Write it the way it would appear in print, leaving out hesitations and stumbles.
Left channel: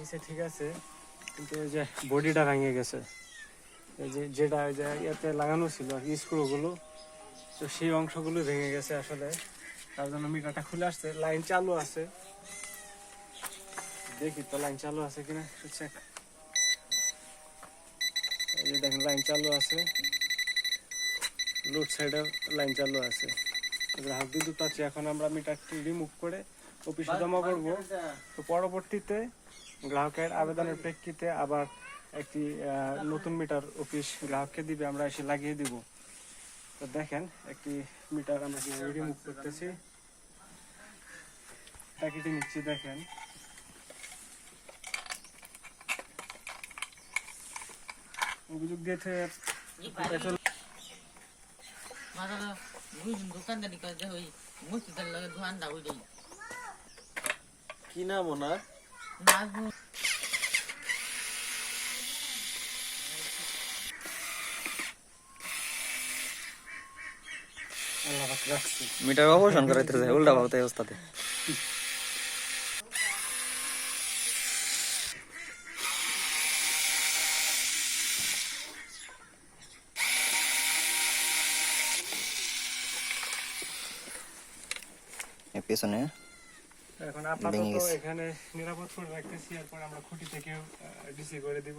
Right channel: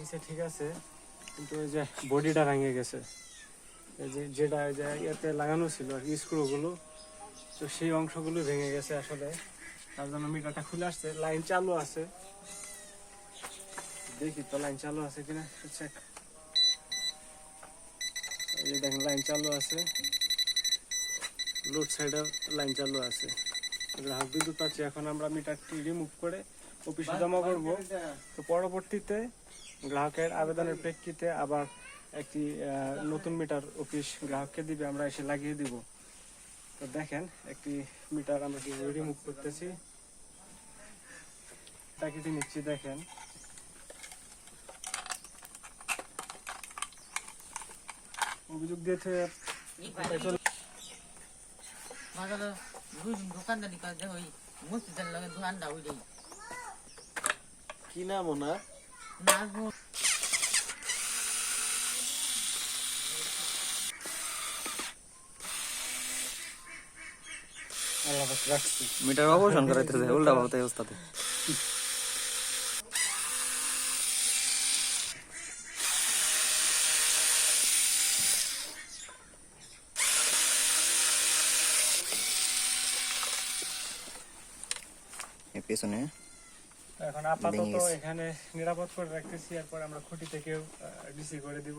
নিচে ঠিক আছে, কিন্তু ওই যে বডিটা ভেঙে গেছে, এই যে যেটা ওই যে এতে লাগানো ছিল আর কি স্ক্রুগুলো, তো সেই অংশগুলো ভেঙে গেছে আসলে। তার জন্য মিটারটা খুলে আসছে, লাইন চালু আছে, দেখি তো লাইন চালু আছে কিনা চেক। এই যে দেখেন লাইন চালু আছে, লোড সাইডের লাইন চালু আছে। গ্রাহক বিদ্যুৎ পাচ্ছি। এখন আমরা মিটারটি রিমুভ করে অফিসে জমা করব। তো পরবর্তীতে গ্রাহকের আবেদনের প্রেক্ষিতে আবার একটি নতুন মিটার অফিস গ্রাহককে দিবে, আমরা এসে লাগিয়ে দিব। তো দেখেন একটি মিটার আমরা কিভাবে রিমুভ করতেছি, প্যাকেটে নিচ্ছি। দেখেন অভিযোগ দিয়েছে দোকানদারি করে ওই মসজিদের লগে দোকানটা ওইটাই কি নাম ওনার? নাজমুল। মিটার অপারেশন করাইতে উল্টা ভাবতে অবস্থাতে পেছনে এখন আপাতত এখানে নিরাপদ করে রাখতেছি, এরপর আমরা খুঁটি থেকে ডিসি করে দিব।